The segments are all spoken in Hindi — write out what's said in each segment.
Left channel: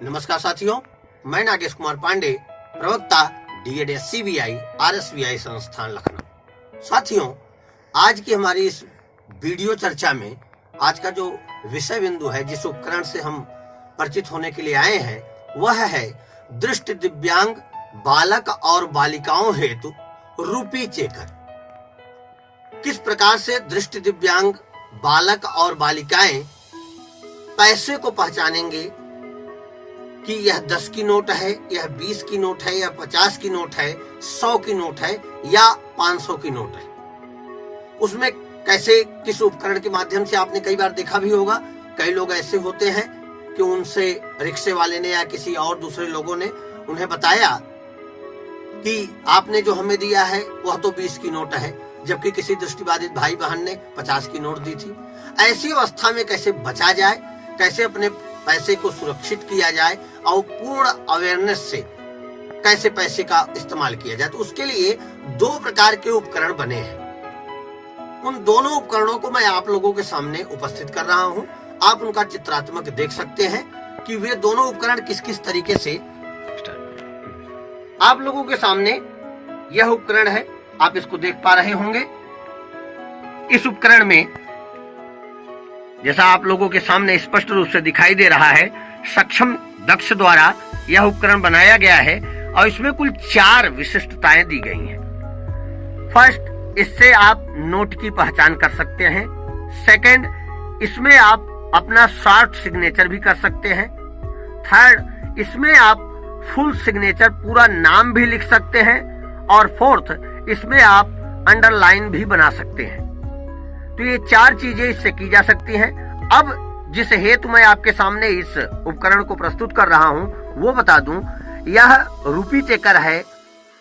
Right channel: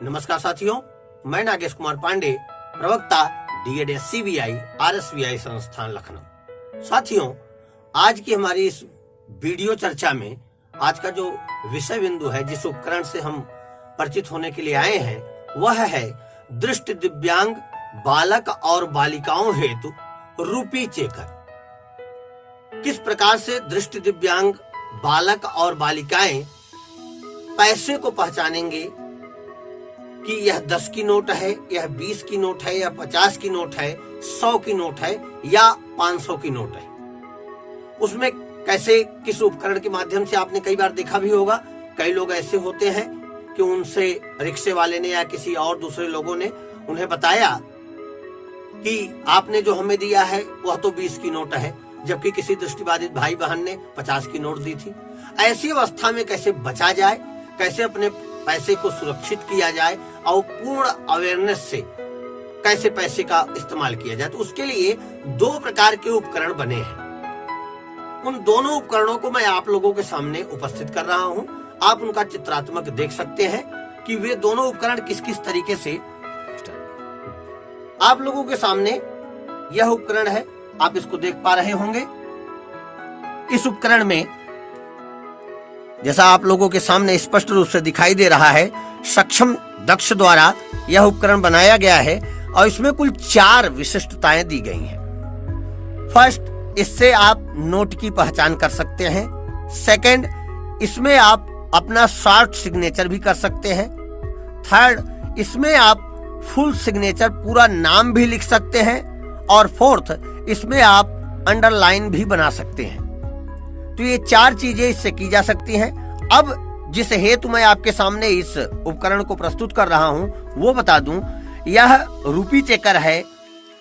नमस्कार साथियों, मैं नागेश कुमार पांडे, प्रवक्ता DED RSVI संस्थान लखनऊ। साथियों, आज की हमारी इस वीडियो चर्चा में आज का जो विषय बिंदु है, जिस उपकरण से हम परिचित होने के लिए आए हैं, वह है दृष्टि दिव्यांग बालक और बालिकाओं हेतु रूपी चेकर। किस प्रकार से दृष्टि दिव्यांग बालक और बालिकाएं पैसे को पहचानेंगे कि यह 10 की नोट है, यह 20 की नोट है, या 50 की नोट है, 100 की नोट है या 500 की नोट है। उसमें कैसे, किस उपकरण के माध्यम से आपने कई बार देखा भी होगा। कई लोग ऐसे होते हैं कि उनसे रिक्शे वाले ने या किसी और दूसरे लोगों ने उन्हें बताया कि आपने जो हमें दिया है वह तो 20 की नोट है, जबकि किसी दृष्टिबाधित भाई बहन ने 50 की नोट दी थी। ऐसी अवस्था में कैसे बचा जाए, कैसे अपने पैसे को सुरक्षित किया जाए और पूर्ण अवेयरनेस से कैसे पैसे का इस्तेमाल किया जाए, तो उसके लिए 2 प्रकार के उपकरण बने हैं। उन दोनों उपकरणों को मैं आप लोगों के सामने उपस्थित कर रहा हूं। आप उनका चित्रात्मक देख सकते हैं कि वे दोनों उपकरण किस किस तरीके से। आप लोगों के सामने यह उपकरण है, आप इसको देख पा रहे होंगे। इस उपकरण में, जैसा आप लोगों के सामने स्पष्ट रूप से दिखाई दे रहा है, सक्षम दक्ष द्वारा यह उपकरण बनाया गया है और इसमें कुल 4 विशिष्टताएं दी गई हैं। फर्स्ट, इससे आप नोट की पहचान कर सकते हैं। सेकंड, इसमें आप अपना शॉर्ट सिग्नेचर भी कर सकते हैं। थर्ड, इसमें आप फुल सिग्नेचर, पूरा नाम भी लिख सकते हैं। और फोर्थ, इसमें आप अंडरलाइन भी बना सकते हैं। तो ये 4 चीजें इससे की जा सकती हैं। अब जिस हेतु मैं आपके सामने इस उपकरण को प्रस्तुत कर रहा हूं वो बता दूं, यह रूपी चेकर है।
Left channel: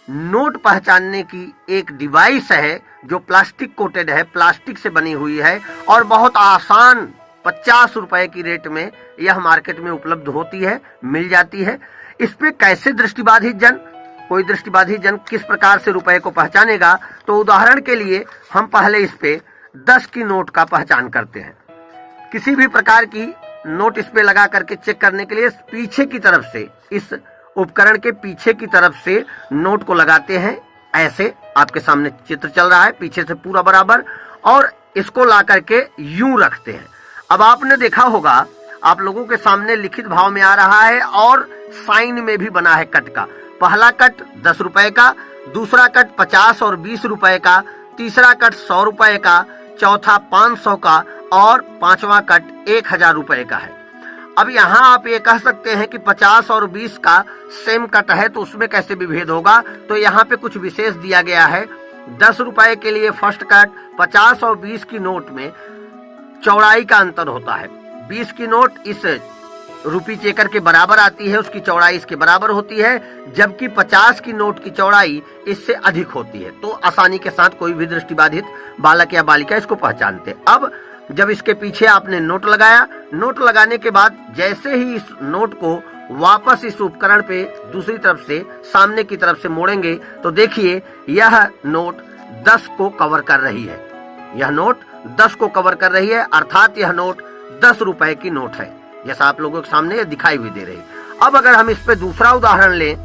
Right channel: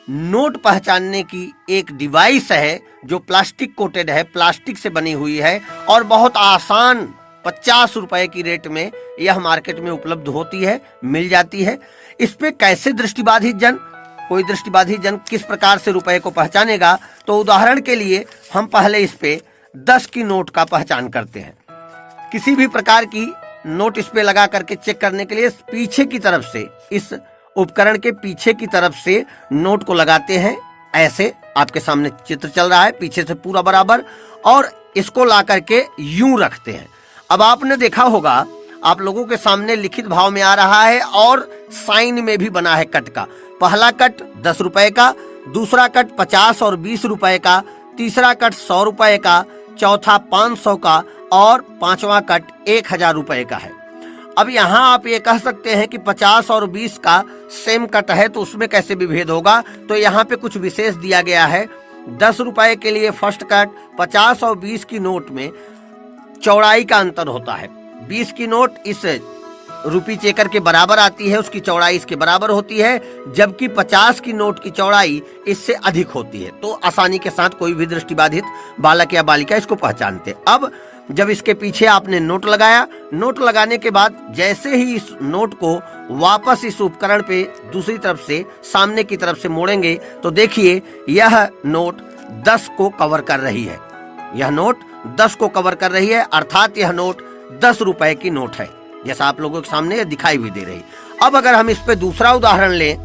नोट पहचानने की एक डिवाइस है जो प्लास्टिक कोटेड है, प्लास्टिक से बनी हुई है और बहुत आसान 50 रुपए की रेट में यह मार्केट में उपलब्ध होती है, मिल जाती है। इस पे कैसे कोई दृष्टिबाधित जन किस प्रकार से रुपए को पहचानेगा, तो उदाहरण के लिए हम पहले इस पे 10 की नोट का पहचान करते हैं। किसी भी प्रकार की नोट इस पे लगा करके चेक करने के लिए पीछे की तरफ से, इस उपकरण के पीछे की तरफ से नोट को लगाते हैं। ऐसे आपके सामने चित्र चल रहा है, पीछे से पूरा बराबर, और इसको ला करके यूं रखते हैं। अब आपने देखा होगा, आप लोगों के सामने लिखित भाव में आ रहा है और साइन में भी बना है कट का। पहला कट 10 रुपए का, दूसरा कट 50 और 20 रुपए का, तीसरा कट 100 रुपए का, चौथा 500 का और 5वां कट 1000 रुपए का है। अब यहाँ आप ये कह सकते हैं कि 50 और 20 का सेम कट है, तो उसमें कैसे विभेद होगा। तो यहाँ पे कुछ विशेष दिया गया है। 10 रुपए के लिए फर्स्ट कट, 50 और 20 की नोट में चौड़ाई का अंतर होता है। 20 की नोट इस रूपी चेकर के बराबर आती है, उसकी चौड़ाई इसके बराबर होती है, जबकि 50 की नोट की चौड़ाई इससे अधिक होती है। तो आसानी के साथ कोई भी दृष्टिबाधित बालक या बालिका इसको पहचानते। अब जब इसके पीछे आपने नोट लगाया, नोट लगाने के बाद जैसे ही इस नोट को वापस इस उपकरण पे दूसरी तरफ से, सामने की तरफ से मोड़ेंगे, तो देखिए यह नोट 10 को कवर कर रही है। यह नोट 10 को कवर कर रही है, अर्थात यह नोट 10 रुपए की नोट है, जैसा आप लोगों के सामने दिखाई हुई दे रही। अब अगर हम इस पे दूसरा उदाहरण लें,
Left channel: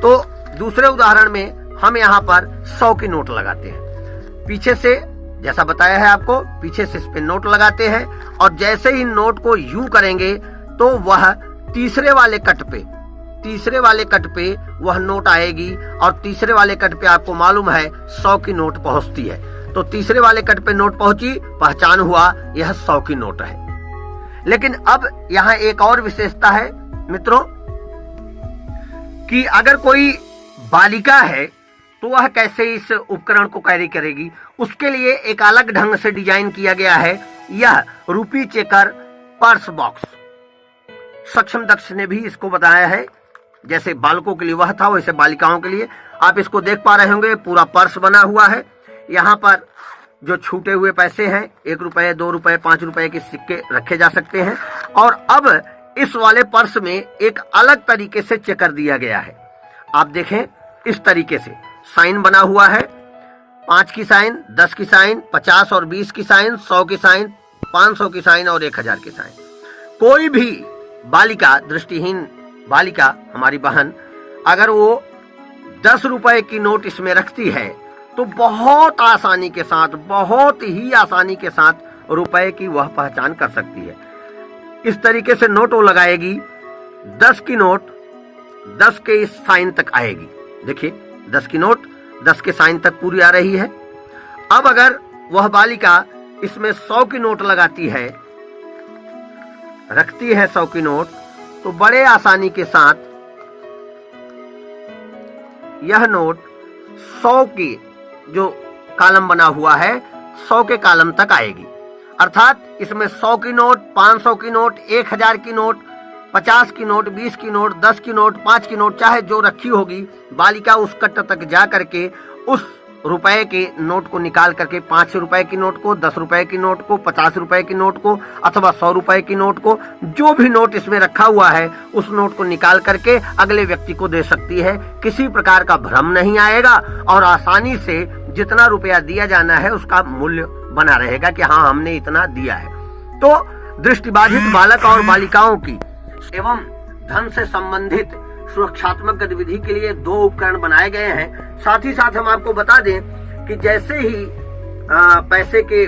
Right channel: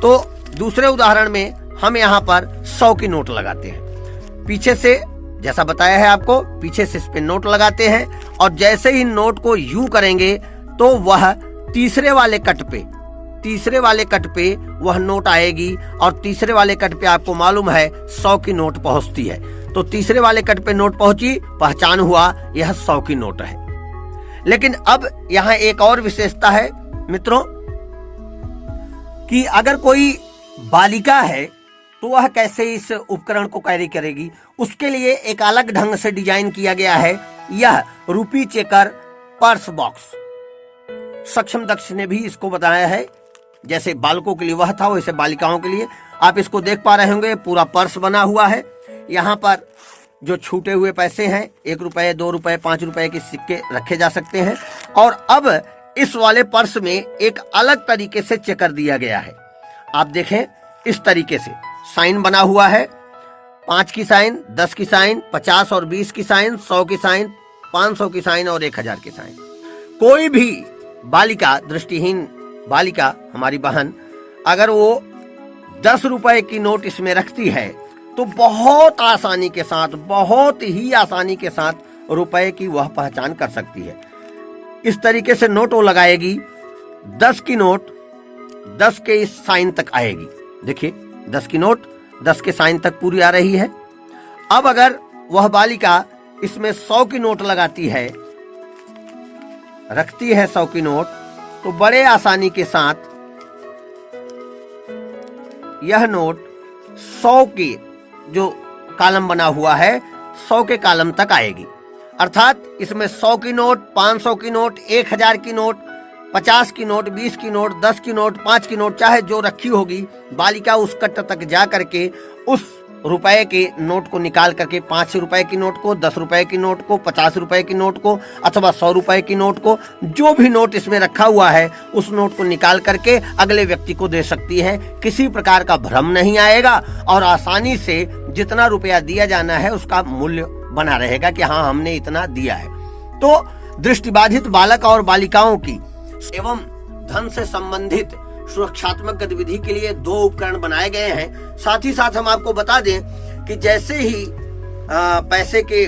तो दूसरे उदाहरण में हम यहाँ पर 100 की नोट लगाते हैं। पीछे से, जैसा बताया है आपको, पीछे से इस पे नोट लगाते हैं और जैसे ही नोट को यूं करेंगे तो वह तीसरे वाले कट पे वह नोट आएगी। और तीसरे वाले कट पे आपको मालूम है 100 की नोट पहुंचती है। तो तीसरे वाले कट पे नोट पहुंची, पहचान हुआ यह 100 की नोट है। लेकिन अब यहाँ एक और विशेषता है मित्रों, कि अगर कोई बालिका है तो वह कैसे इस उपकरण को कैरी करेगी। उसके लिए एक अलग ढंग से डिजाइन किया गया है यह रूपी चेकर पर्स बॉक्स। सक्षम दक्ष ने भी इसको बताया है। जैसे बालकों के लिए वह था, वैसे बालिकाओं के लिए आप इसको देख पा रहे होंगे। पूरा पर्स बना हुआ है। यहाँ पर जो छूटे हुए पैसे हैं, 1 रुपए, 2 रुपए, 5 रुपए के सिक्के रखे जा सकते हैं। और अब इस वाले पर्स में एक अलग तरीके से चेकर दिया गया है। आप देखें, इस तरीके से साइन बना हुआ है। 5 की साइन, 10 की साइन, 50 और 20 की साइन, 100 की साइन, 500 की साइन और 1000 की साइन। कोई भी बालिका, दृष्टिहीन बालिका, हमारी बहन, अगर वो 10 रुपए की नोट इसमें रखती है तो बहुत आसानी के साथ, बहुत ही आसानी के साथ रुपए की वह पहचान कर सकती है। इस तरीके से नोट वो लगाएगी, 10 की नोट 10 के इस साइन तक आएगी। देखिए 10 की नोट 10 के साइन तक पूरी आ रही है। अब अगर वह बालिका इसमें 100 की नोट लगाती है, रखती है 100 की नोट, तो बड़े आसानी के साथ यह नोट 100 की जो कॉलम बना हुआ है 100 के कॉलम तक आएगी। अर्थात इसमें 100 की नोट, 500 की नोट, 1000 की नोट, 50 की नोट, 20 की नोट, 10 की नोट, 5 की नोट, चाहे जो रखी होगी, बालिका उस कट्ट तक जा करके उस रुपए के नोट को निकाल करके 5 रुपए की नोट को, 10 रुपए की नोट को, 50 रुपए की नोट को अथवा 100 रुपए की नोट को, जो भी नोट इसमें रखा हुआ है उस नोट को निकाल करके अगले व्यक्ति को दे सकती है। किसी प्रकार का भ्रम नहीं आएगा और आसानी से जितना रुपया दिया जाना है उसका मूल्य बना रहेगा कि हाँ हमने इतना दिया है। तो दृष्टिबाधित बालक और बालिकाओं की एवं धन से संबंधित सुरक्षात्मक गतिविधि के लिए 2 उपकरण बनाए गए हैं। साथ ही साथ हम आपको बता दें कि जैसे ही पैसे के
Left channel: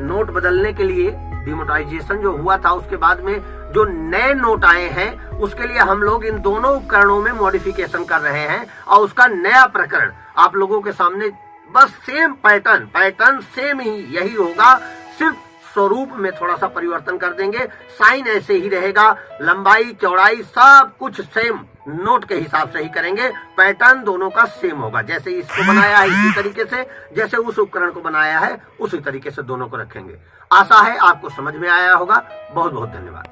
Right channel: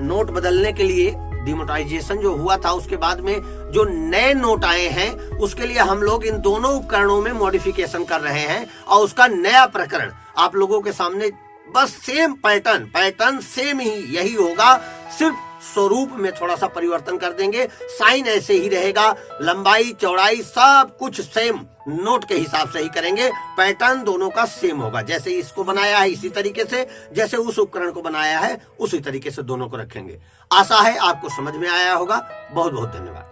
नोट बदलने के लिए डिमोनेटाइजेशन जो हुआ था, उसके बाद में जो नए नोट आए हैं उसके लिए हम लोग इन दोनों उपकरणों में मॉडिफिकेशन कर रहे हैं और उसका नया प्रकरण आप लोगों के सामने, बस सेम पैटर्न सेम ही यही होगा, सिर्फ स्वरूप में थोड़ा सा परिवर्तन कर देंगे। साइन ऐसे ही रहेगा, लंबाई चौड़ाई सब कुछ सेम नोट के हिसाब से ही करेंगे। पैटर्न दोनों का सेम होगा, जैसे इसको बनाया है इसी तरीके से, जैसे उस उपकरण को बनाया है उसी तरीके से दोनों को रखेंगे। आशा है आपको समझ में आया होगा। बहुत बहुत धन्यवाद।